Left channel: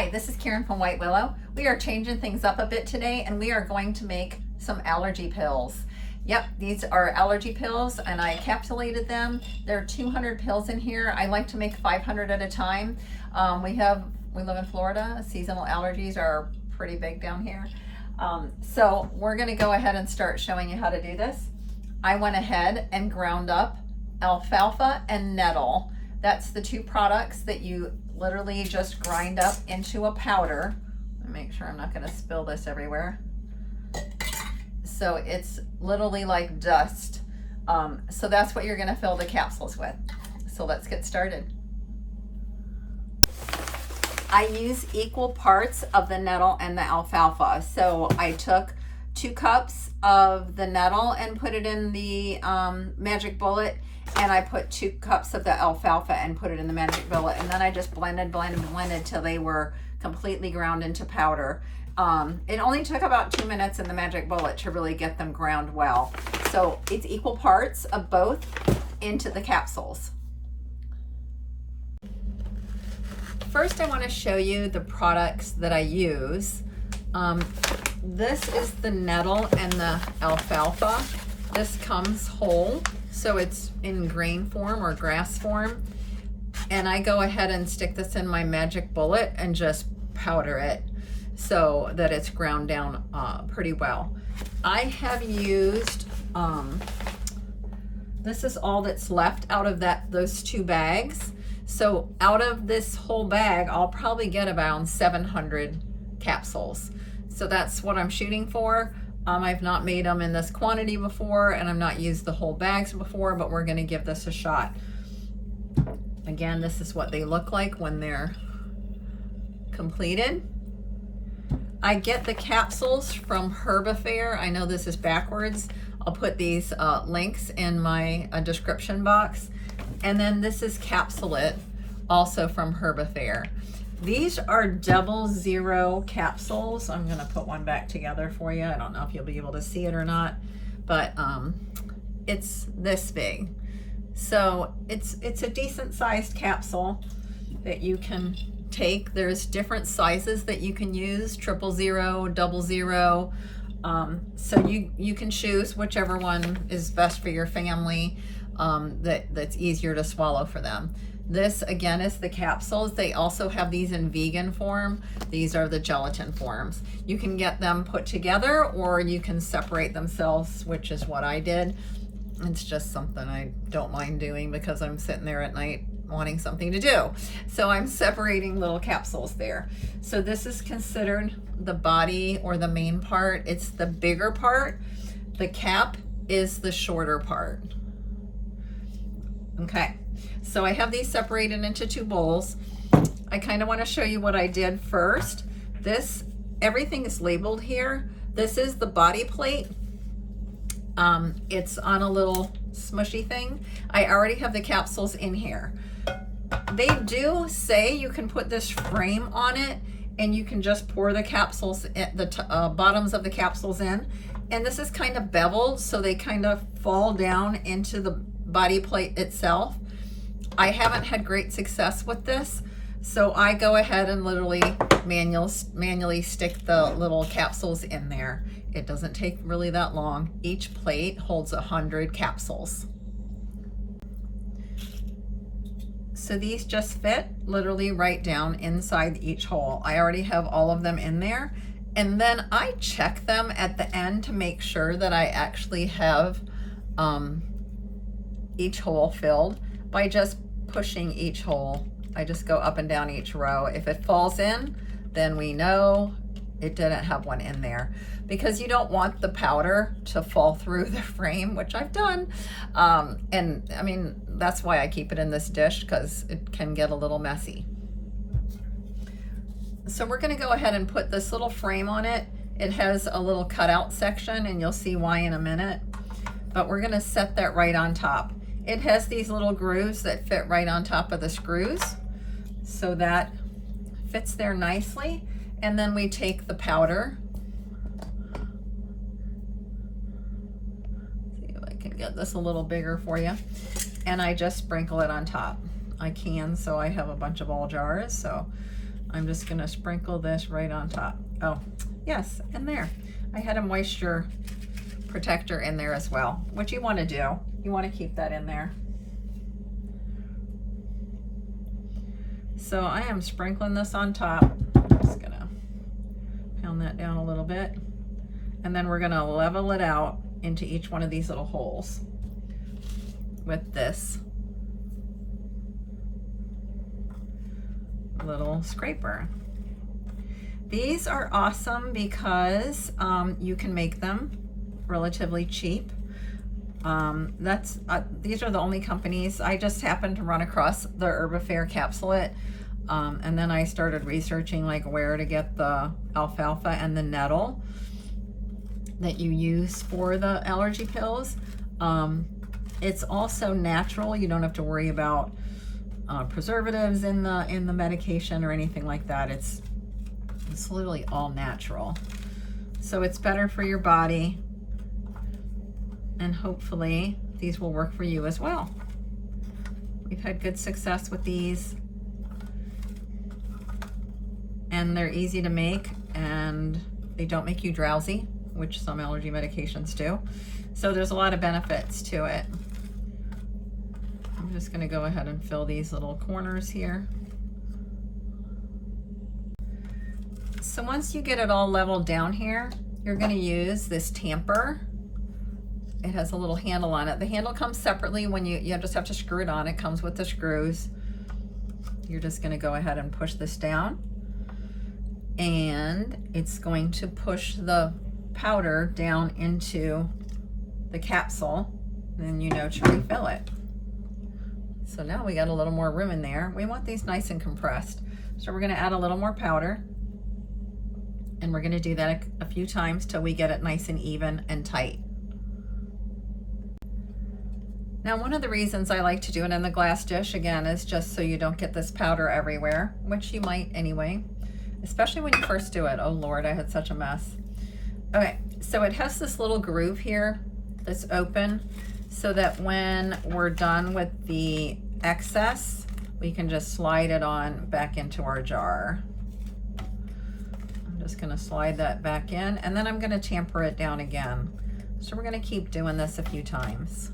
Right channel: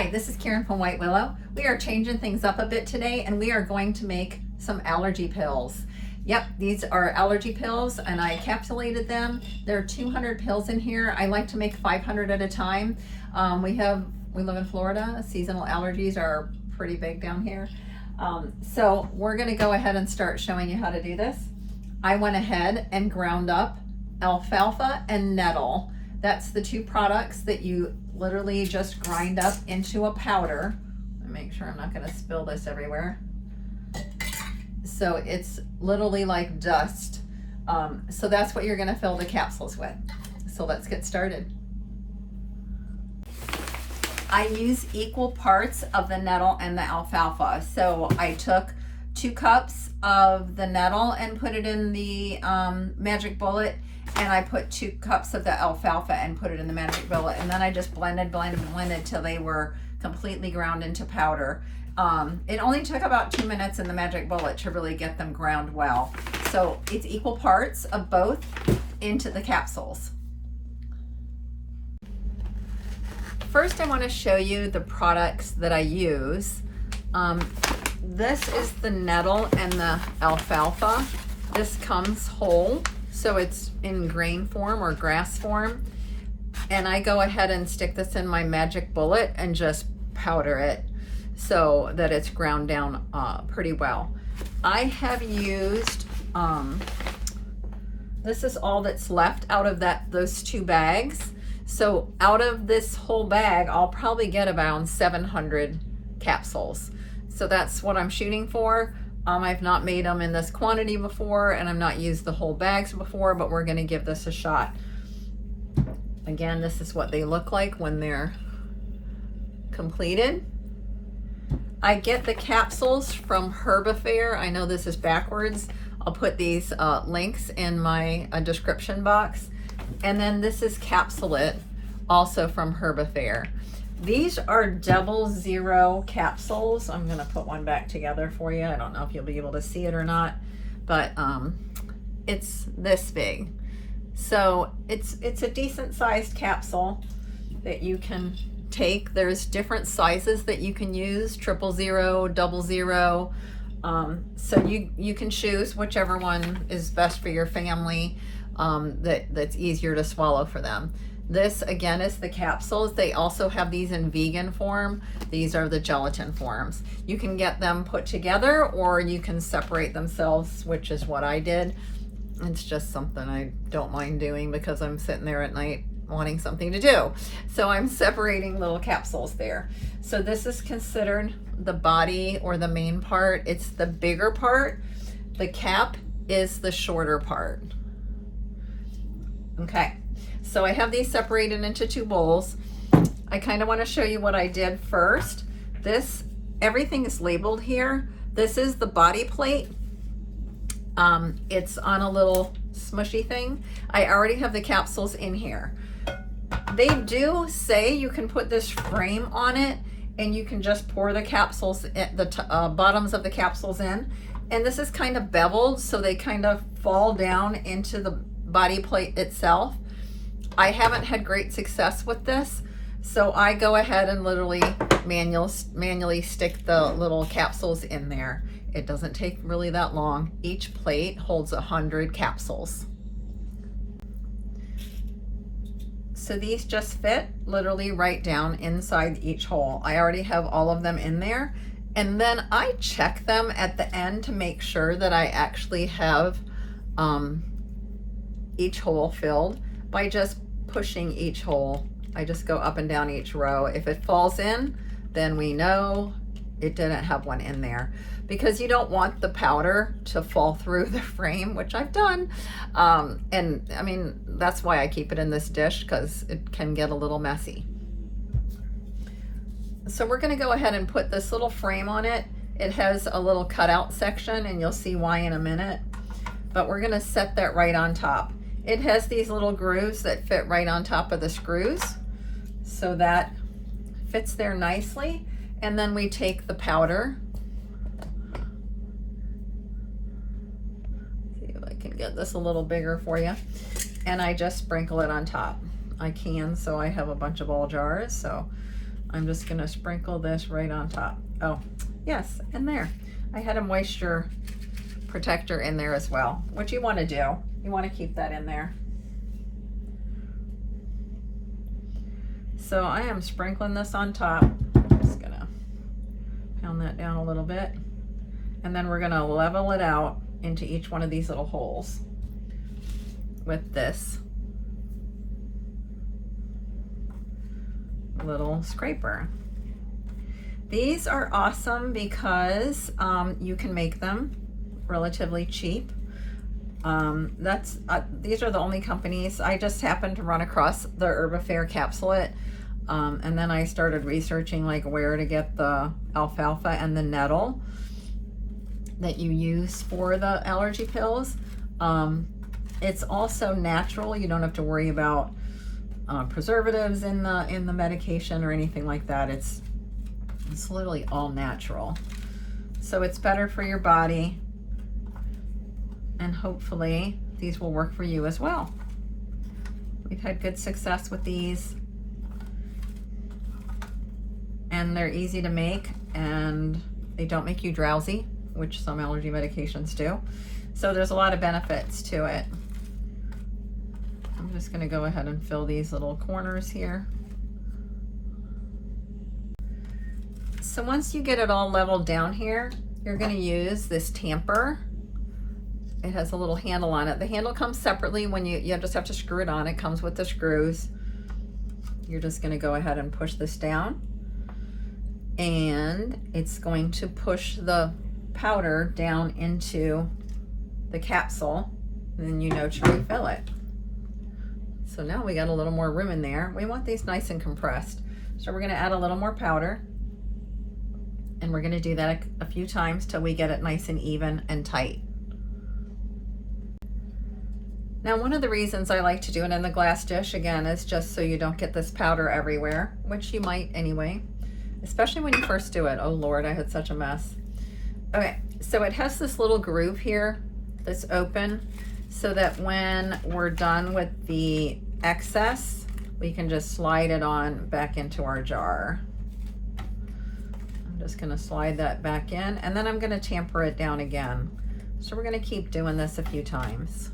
Hi, this is Karen from White Willow. We are changing things up a bit today and we are going to make some allergy pills. Yep, these are allergy pills and I encapsulated them. There are 200 pills in here. I like to make 500 at a time. We live in Florida. Seasonal allergies are pretty big down here. So we're gonna go ahead and start showing you how to do this. I went ahead and ground up alfalfa and nettle. That's the two products that you literally just grind up into a powder. Let me make sure I'm not gonna spill this everywhere. So it's literally like dust. So that's what you're gonna fill the capsules with. So let's get started. I use equal parts of the nettle and the alfalfa. So I took 2 cups of the nettle and put it in the magic bullet, and I put 2 cups of the alfalfa and put it in the magic bullet, and then I just blended till they were completely ground into powder. It only took about 2 minutes in the magic bullet to really get them ground well. So it's equal parts of both into the capsules. First, I want to show you the products that I use. This is the nettle and the alfalfa. This comes whole, so it's in grain form or grass form. And I go ahead and stick this in my magic bullet and just powder it so that it's ground down pretty well. I have used, this is all that's left out of those 2 bags. So out of this whole bag, I'll probably get about 700 capsules. So that's what I'm shooting for. I've not made them in this quantity before, and I've not used the whole bags before, but we're gonna give this a shot. Again, this is what they look like when they're completed. I get the capsules from Herbifair. I know this is backwards. I'll put these links in my description box. And then this is Capsulate, also from Herbifair. These are 00 capsules. I'm gonna put one back together for you. I don't know if you'll be able to see it or not, but it's this big. So it's a decent sized capsule that you can take. There's different sizes that you can use, 000, 00. So you can choose whichever one is best for your family, that's easier to swallow for them. This again is the capsules. They also have these in vegan form. These are the gelatin forms. You can get them put together or you can separate themselves, which is what I did. It's just something I don't mind doing because I'm sitting there at night wanting something to do. So I'm separating little capsules there. So this is considered the body or the main part. It's the bigger part. The cap is the shorter part. Okay, so I have these separated into 2 bowls. I kind of want to show you what I did first. Everything is labeled here. This is the body plate. It's on a little smushy thing. I already have the capsules in here. They do say you can put this frame on it and you can just pour the capsules, the bottoms of the capsules in. And this is kind of beveled, so they kind of fall down into the body plate itself. I haven't had great success with this, so I go ahead and literally manually stick the little capsules in there. It doesn't take really that long. Each plate holds 100 capsules. So these just fit literally right down inside each hole. I already have all of them in there. And then I check them at the end to make sure that I actually have each hole filled by just pushing each hole. I just go up and down each row. If it falls in, then we know it didn't have one in there, because you don't want the powder to fall through the frame, which I've done. And I mean, that's why I keep it in this dish, because it can get a little messy. So we're gonna go ahead and put this little frame on it. It has a little cutout section, and you'll see why in a minute, but we're gonna set that right on top. It has these little grooves that fit right on top of the screws, so that fits there nicely. And then we take the powder. See if I can get this a little bigger for you. And I just sprinkle it on top. I can, so I have a bunch of old jars, so I'm just gonna sprinkle this right on top. Oh, yes, in there. I had a moisture protector in there as well. What you wanna do, you wanna keep that in there. So I am sprinkling this on top. Just gonna pound that down a little bit. And then we're gonna level it out into each one of these little holes with this little scraper. These are awesome because you can make them relatively cheap. These are the only companies. I just happened to run across the Herbifare capsulate, and then I started researching like where to get the alfalfa and the nettle that you use for the allergy pills. It's also natural. You don't have to worry about preservatives in the medication or anything like that. It's literally all natural. So it's better for your body, and hopefully these will work for you as well. We've had good success with these, and they're easy to make, and they don't make you drowsy, which some allergy medications do. So there's a lot of benefits to it. I'm just gonna go ahead and fill these little corners here. So once you get it all leveled down here, you're gonna use this tamper. It has a little handle on it. The handle comes separately when you just have to screw it on. It comes with the screws. You're just gonna go ahead and push this down, and it's going to push the powder down into the capsule, and then you know to refill it. So now we got a little more room in there. We want these nice and compressed. So we're gonna add a little more powder, and we're gonna do that a few times till we get it nice and even and tight. Now, one of the reasons I like to do it in the glass dish, again, is just so you don't get this powder everywhere, which you might anyway, especially when you first do it. Oh Lord, I had such a mess. Okay, so it has this little groove here that's open, so that when we're done with the excess, we can just slide it on back into our jar. I'm just gonna slide that back in, and then I'm gonna tamper it down again. So we're gonna keep doing this a few times.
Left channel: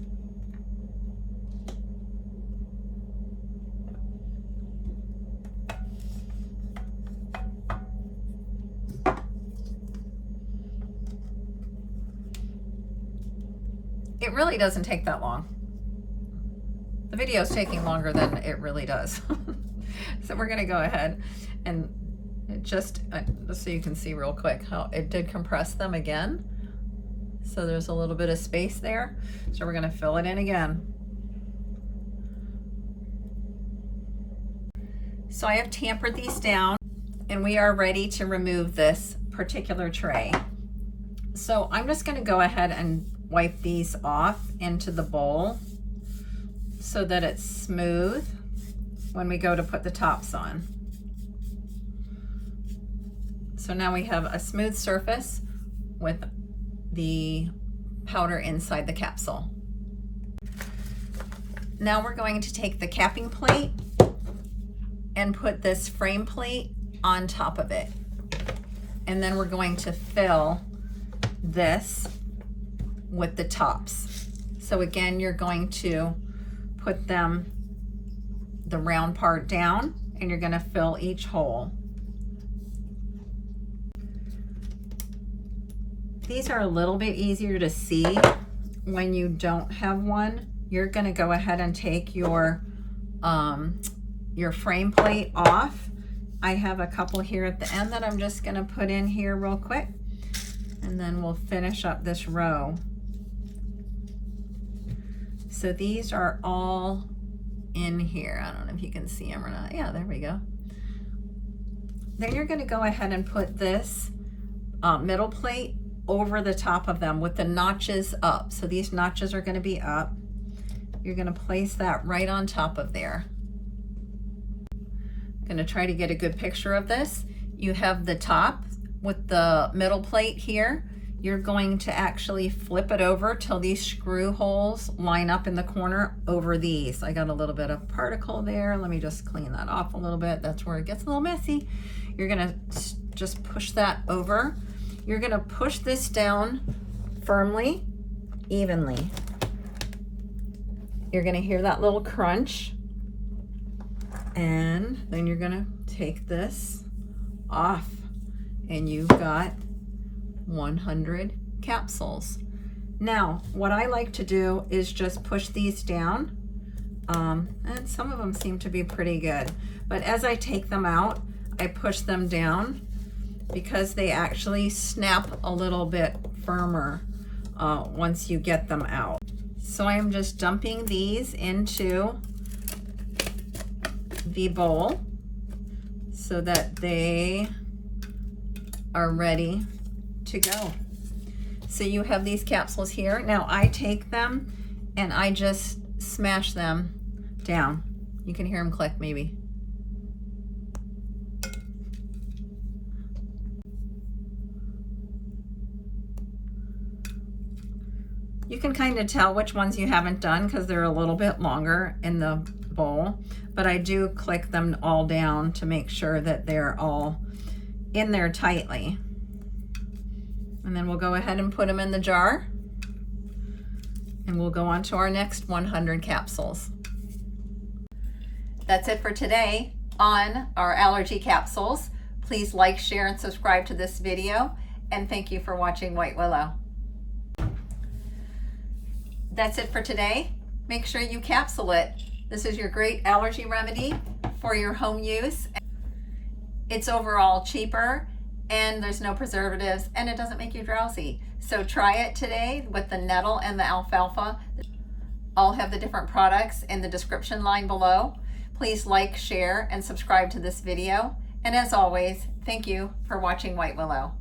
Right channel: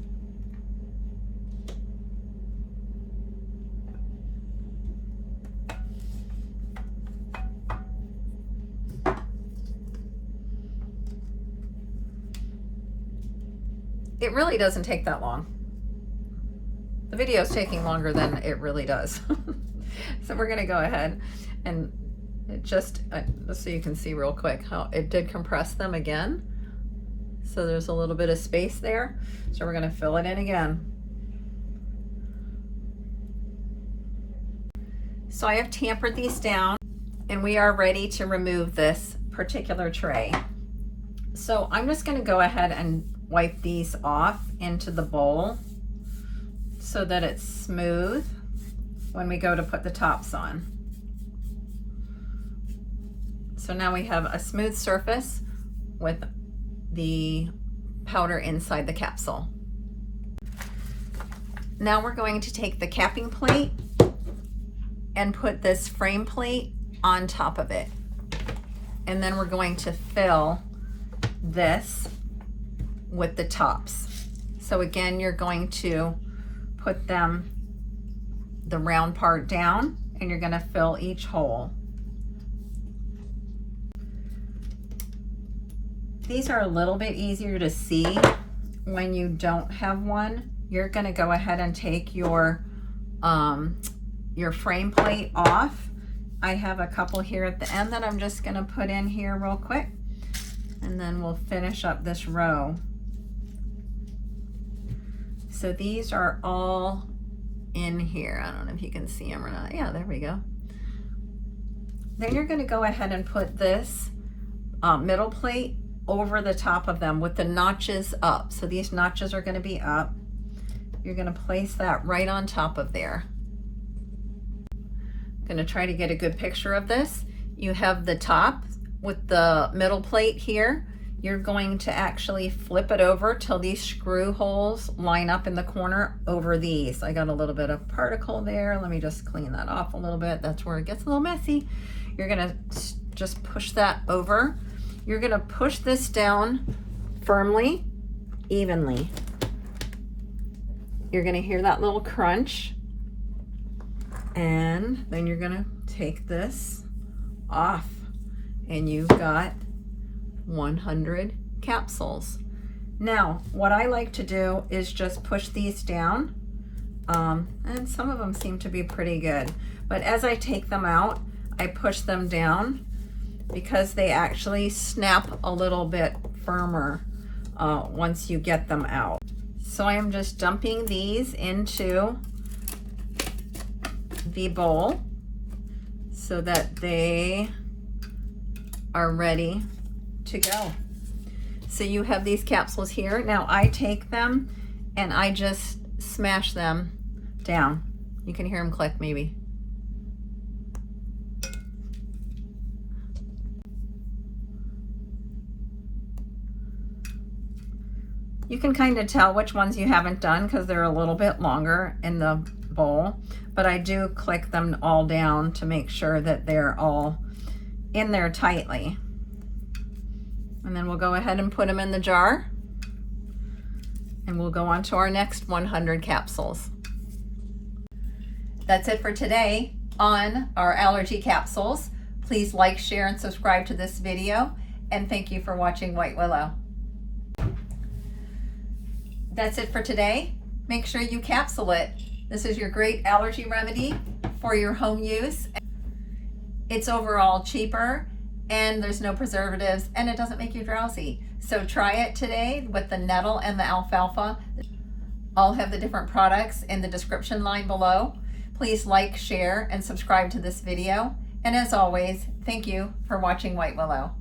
It really doesn't take that long. The video is taking longer than it really does. So we're gonna go ahead and just so you can see real quick how it did compress them again. So there's a little bit of space there. So we're gonna fill it in again. So I have tampered these down, and we are ready to remove this particular tray. So I'm just gonna go ahead and wipe these off into the bowl so that it's smooth when we go to put the tops on. So now we have a smooth surface with the powder inside the capsule. Now we're going to take the capping plate and put this frame plate on top of it. And then we're going to fill this with the tops. So again, you're going to put them, the round part down, and you're gonna fill each hole. These are a little bit easier to see when you don't have one. You're gonna go ahead and take your frame plate off. I have a couple here at the end that I'm just gonna put in here real quick, and then we'll finish up this row. So these are all in here. I don't know if you can see them or not. Yeah, there we go. Then you're gonna go ahead and put this middle plate over the top of them with the notches up. So these notches are gonna be up. You're gonna place that right on top of there. I'm gonna try to get a good picture of this. You have the top with the middle plate here. you're going to actually flip it over till these screw holes line up in the corner over these. I got a little bit of particle there. Let me just clean that off a little bit. That's where it gets a little messy. You're gonna just push that over. You're gonna push this down firmly, evenly. You're gonna hear that little crunch. And then you're gonna take this off and you've got 100 capsules. Now, what I like to do is just push these down, and some of them seem to be pretty good. But as I take them out, I push them down because they actually snap a little bit firmer once you get them out. So I am just dumping these into the bowl so that they are ready to go. So you have these capsules here. Now I take them and I just smash them down. You can hear them click maybe. You can kind of tell which ones you haven't done because they're a little bit longer in the bowl, but I do click them all down to make sure that they're all in there tightly. And then we'll go ahead and put them in the jar and we'll go on to our next 100 capsules. That's it for today on our allergy capsules. Please like, share, and subscribe to this video. And thank you for watching White Willow. That's it for today. Make sure you capsule it. This is your great allergy remedy for your home use. It's overall cheaper and there's no preservatives and it doesn't make you drowsy. So try it today with the nettle and the alfalfa. I'll have the different products in the description line below. Please like, share, and subscribe to this video. And as always, thank you for watching White Willow.